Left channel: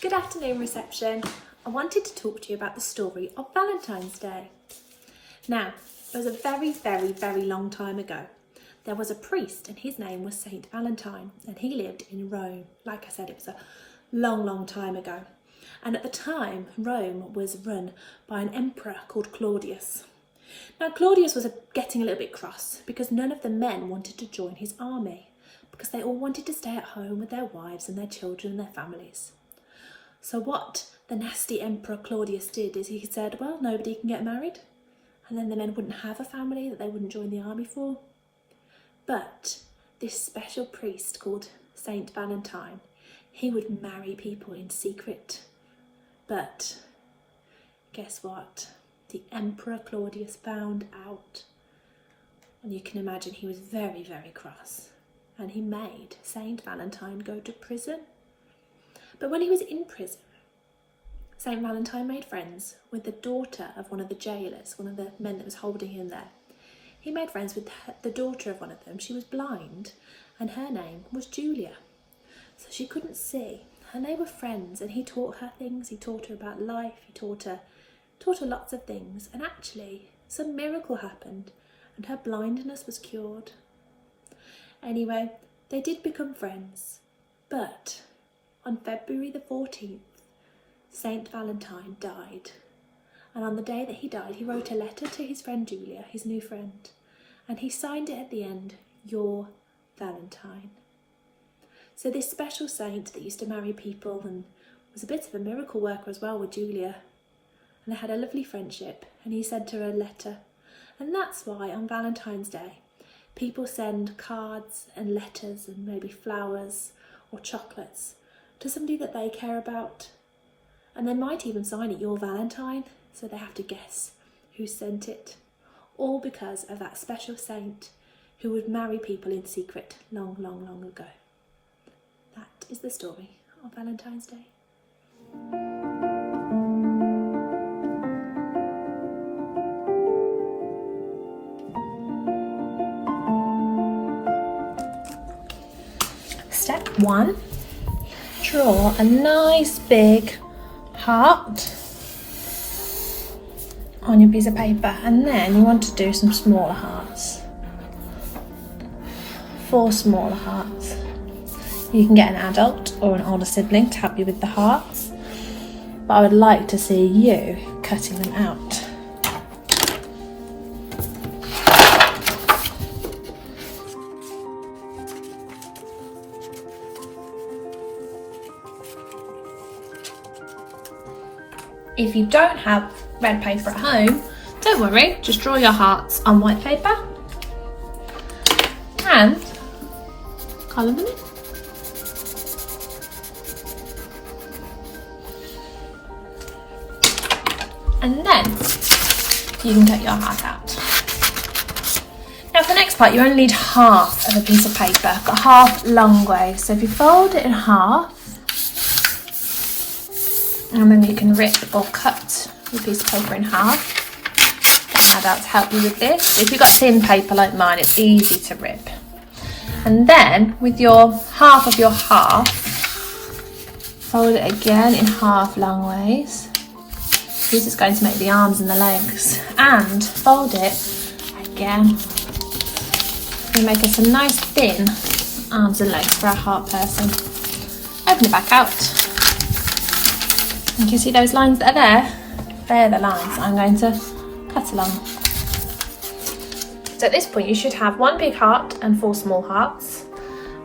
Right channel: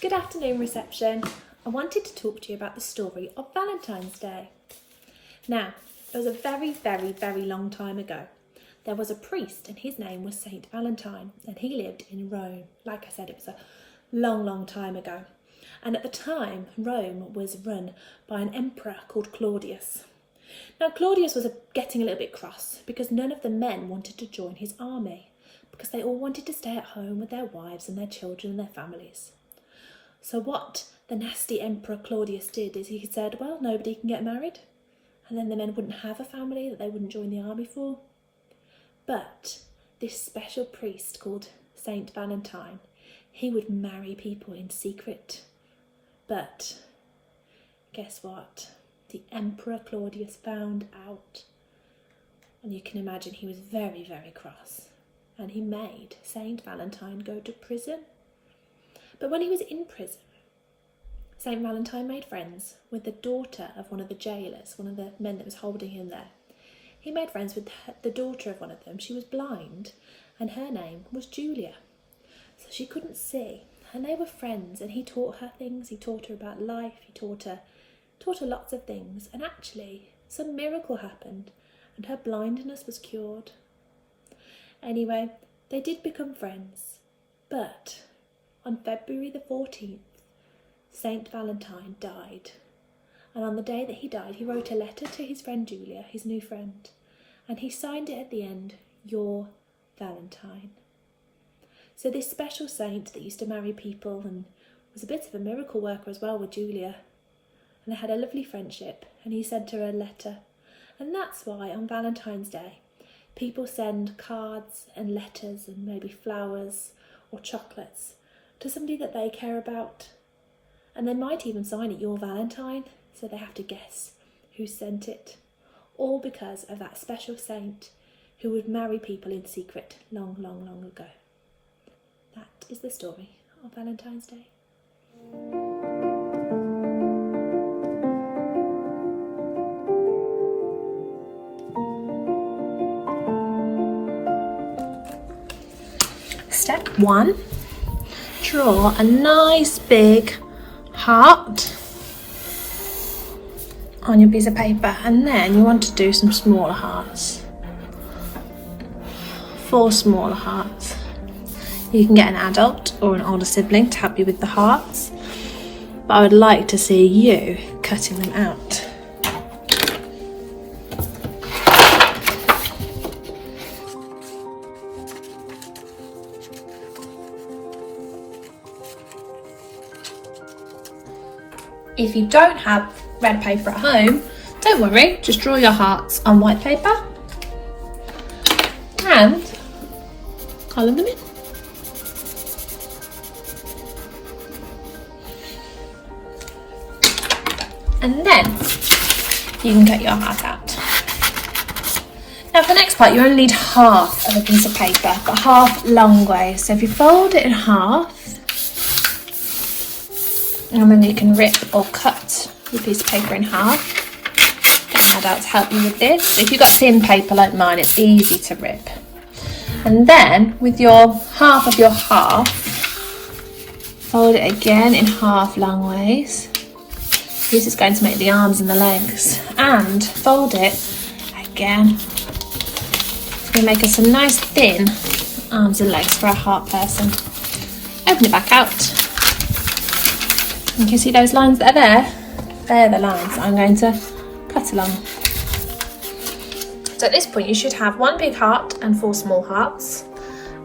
Good afternoon, reception. I wanted to talk to you about the story of Valentine's Day. Now, it was a very, very, very long time ago. There was a priest and his name was Saint Valentine and he lived in Rome. Like I said, it was a long, long time ago. And at the time, Rome was run by an emperor called Claudius. Now, Claudius was getting a little bit cross because none of the men wanted to join his army because they all wanted to stay at home with their wives and their children and their families. So what the nasty Emperor Claudius did is he said, well, nobody can get married, and then the men wouldn't have a family that they wouldn't join the army for. But this special priest called Saint Valentine, he would marry people in secret. But guess what? The Emperor Claudius found out, and you can imagine he was very, very cross, and he made Saint Valentine go to prison. But when he was in prison, Saint Valentine made friends with the daughter of one of the jailers, one of the men that was holding him there. He made friends with the daughter of one of them. She was blind and her name was Julia. So she couldn't see and they were friends and he taught her things. He taught her about life. He taught her lots of things, and actually some miracle happened and her blindness was cured. Anyway, they did become friends, but on February the 14th, Saint Valentine died. And on the day that he died, he wrote a letter to his friend Julia, his new friend, and he signed it at the end, "Your Valentine." So this special saint that used to marry people and was a bit of a miracle worker as well with Julia, and they had a lovely friendship, and he sent her a letter. And that's why on Valentine's Day, people send cards and letters and maybe flowers or chocolates to somebody that they care about. And they might even sign it "Your Valentine," so they have to guess who sent it. All because of that special saint who would marry people in secret long, long, long ago. That is the story of Valentine's Day. Step 1. Draw a nice big heart on your piece of paper, and then you want to do some smaller hearts. 4 smaller hearts. You can get an adult or an older sibling to help you with the hearts, but I would like to see you cutting them out. If you don't have red paper at home, don't worry, just draw your hearts on white paper and colour them in. And then you can cut your heart out. Now for the next part, you only need half of a piece of paper, but half long ways. So if you fold it in half, and then you can rip or cut your piece of paper in half. Get an adult to help you with this. If you've got thin paper like mine, it's easy to rip. And then with your half of your half, fold it again in half long ways. This is going to make the arms and the legs. And fold it again. We make us some nice thin arms and legs for a heart person. Open it back out. You can see those lines that are there? They're the lines that I'm going to cut along. So at this point you should have 1 big heart and 4 small hearts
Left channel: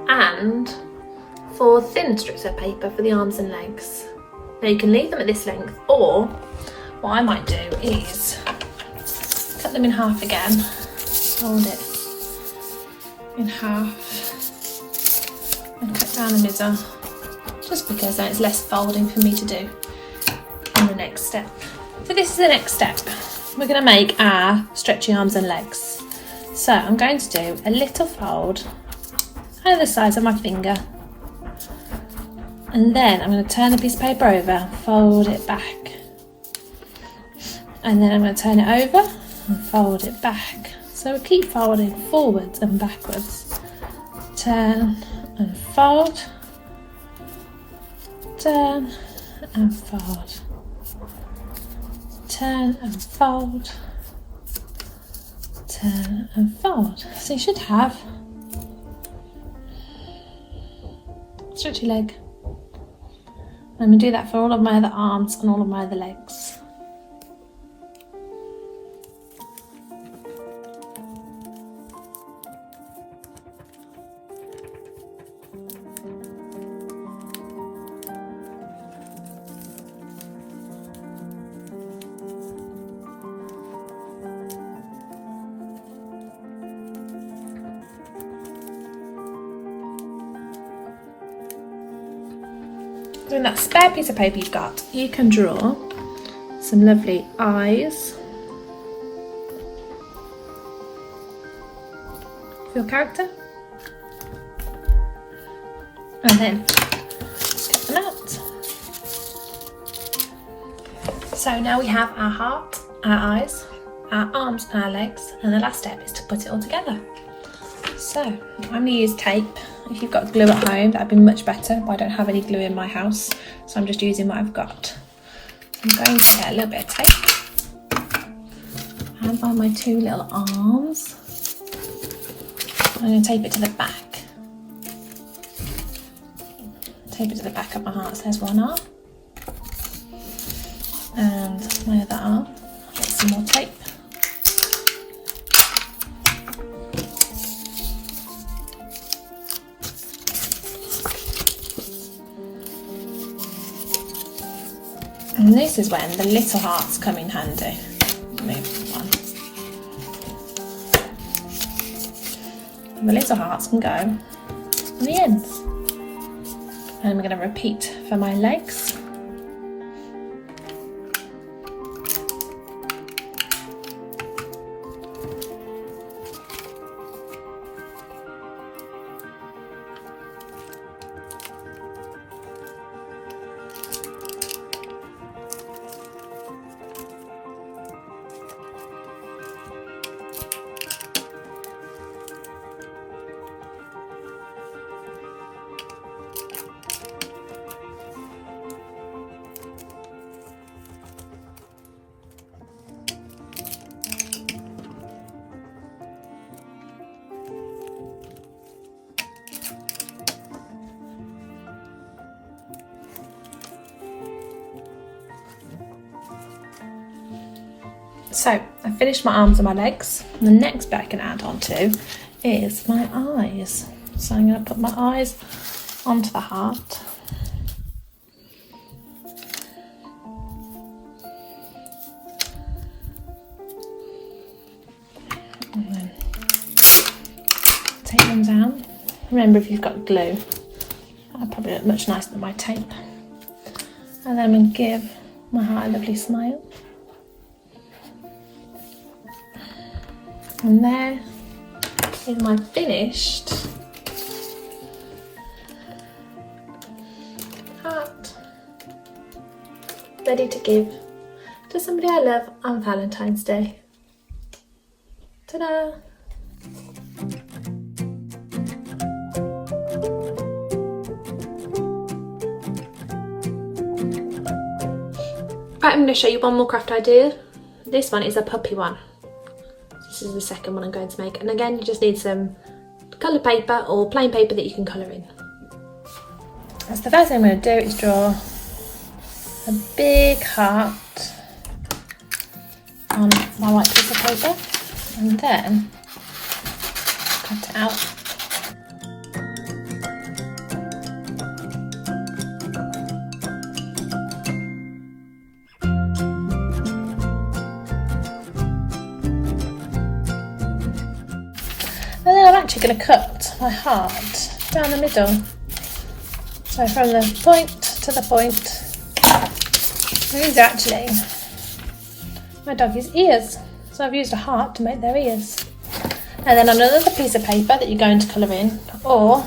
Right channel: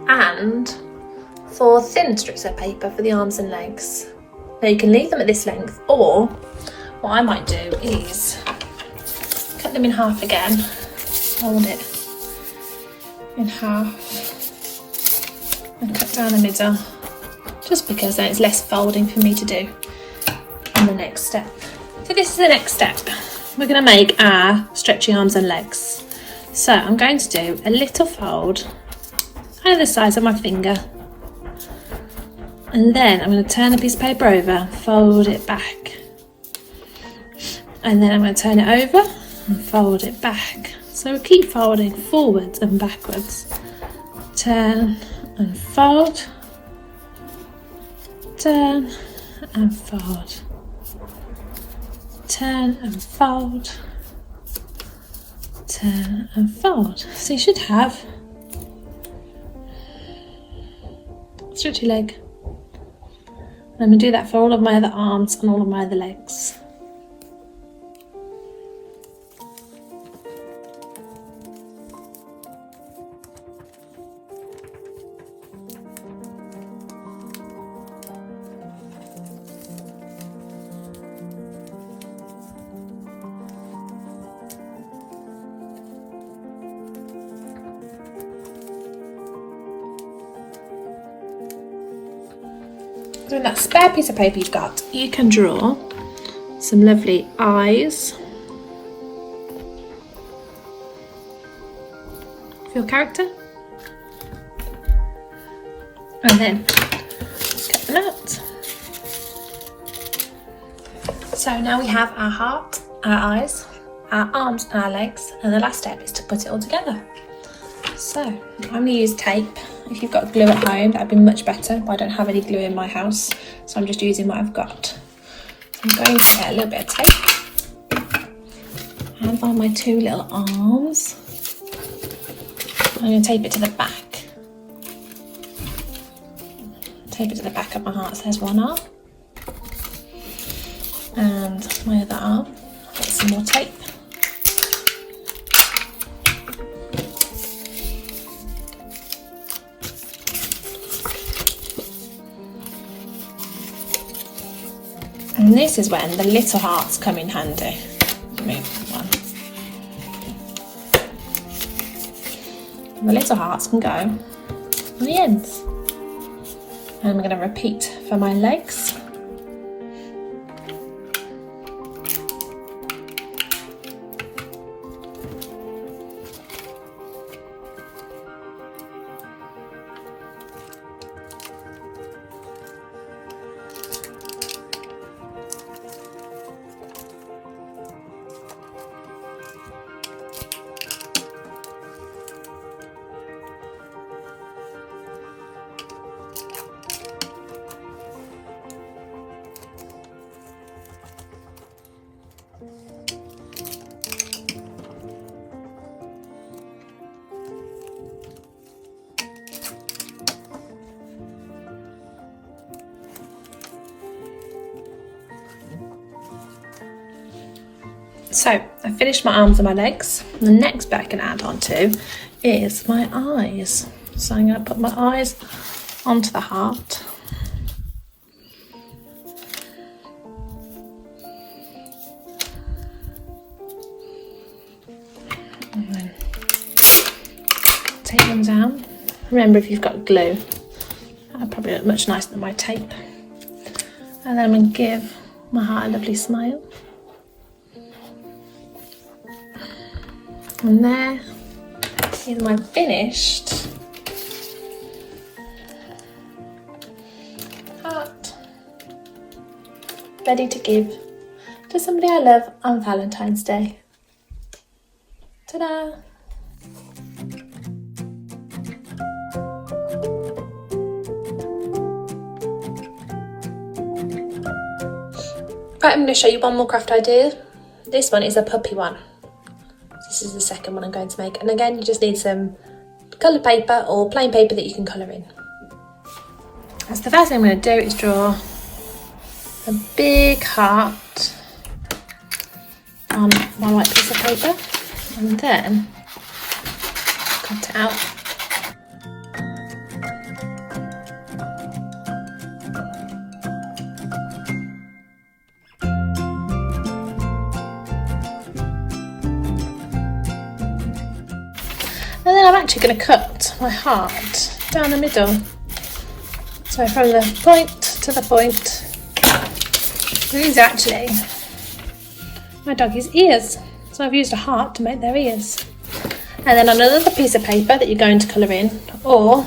and 4 thin strips of paper for the arms and legs. Now you can leave them at this length, or what I might do is cut them in half again, fold it in half and cut down the middle, just because then it's less folding for me to do in the next step. So this is the next step. We're going to make our stretchy arms and legs. So I'm going to do a little fold, kind of the size of my finger, and then I'm going to turn the piece of paper over, fold it back, and then I'm going to turn it over and fold it back. So we'll keep folding forwards and backwards. Turn and fold, turn and fold. Turn and fold. Turn and fold. So you should have stretchy leg. I'm going to do that for all of my other arms and all of my other legs. So in that spare piece of paper you've got, you can draw some lovely eyes for your character, and then cut them out. So now we have our heart, our eyes, our arms and our legs, and the last step is to put it all together. So I'm going to use tape. If you've got glue at home, that would be much better, but I don't have any glue in my house, so I'm just using what I've got. So I'm going to get a little bit of tape and on my two little arms. I'm going to tape it to the back. Tape it to the back of my heart. So there's one arm, and my other arm. Get some more tape. And this is when the little hearts come in handy. Move one. And the little hearts can go on the ends. And I'm going to repeat for my legs. So I've finished my arms and my legs. And the next bit I can add on to is my eyes. So I'm going to put my eyes onto the heart. And then take them down. Remember, if you've got glue, that'll probably look much nicer than my tape. And then I'm going to give my heart a lovely smile. And there is my finished heart, ready to give to somebody I love on Valentine's Day. Ta-da! Right, I'm going to show you one more craft idea. This one is a puppy one. This is the second one I'm going to make, and again you just need some coloured paper or plain paper that you can colour in. So the first thing I'm going to do is draw a big heart on my white piece of paper and then cut it out. And then I'm actually going to cut my heart down the middle. So from the point to the point. These are actually my doggy's ears. So I've used a heart to make their ears. And then on another piece of paper that you're going to colour in, or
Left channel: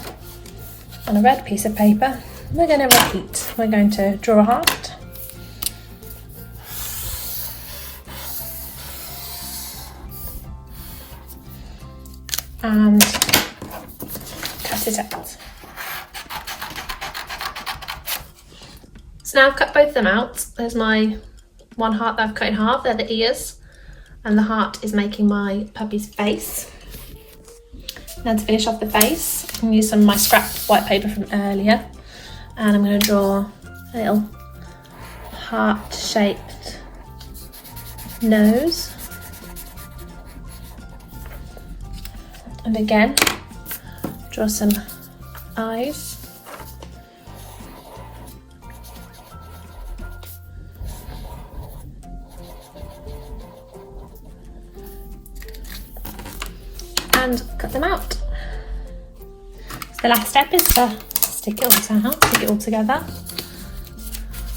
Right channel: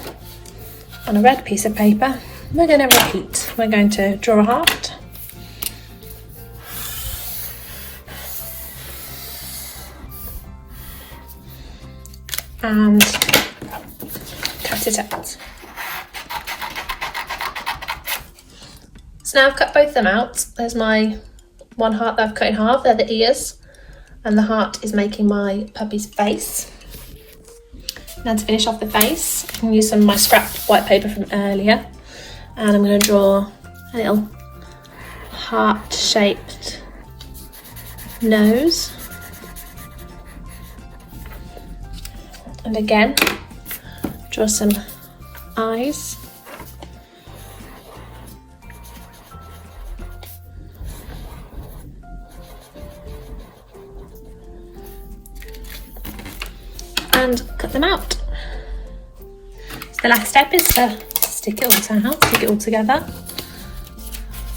on a red piece of paper, we're going to repeat. We're going to draw a heart. And cut it out. So now I've cut both of them out. There's my one heart that I've cut in half, they're the ears, and the heart is making my puppy's face. Now to finish off the face, I can use some of my scrapped white paper from earlier, and I'm going to draw a little heart-shaped nose. And again, draw some eyes. And cut them out. So the last step is to stick it all together.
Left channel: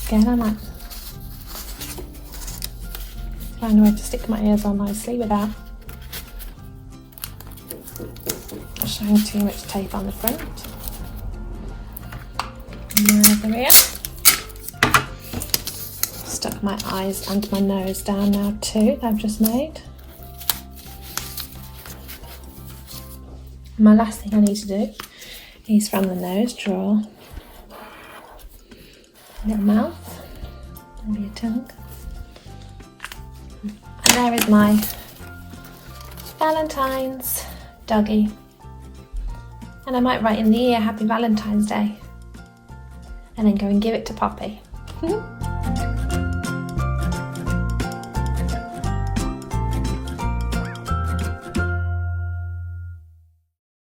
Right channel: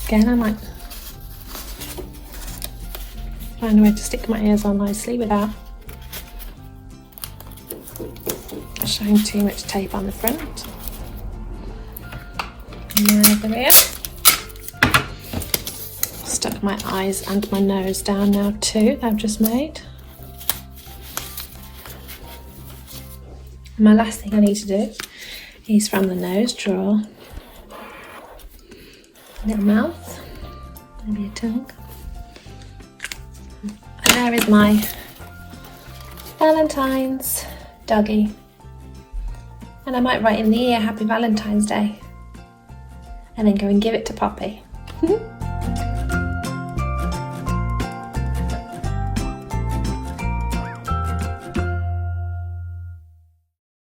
Again, I might find a way to stick my ears on nicely without showing too much tape on the front. And there's the rear. Stuck my eyes and my nose down now too, that I've just made. My last thing I need to do is from the nose draw a little mouth, maybe a tongue. And there is my Valentine's doggy. And I might write in the ear Happy Valentine's Day and then go and give it to Poppy.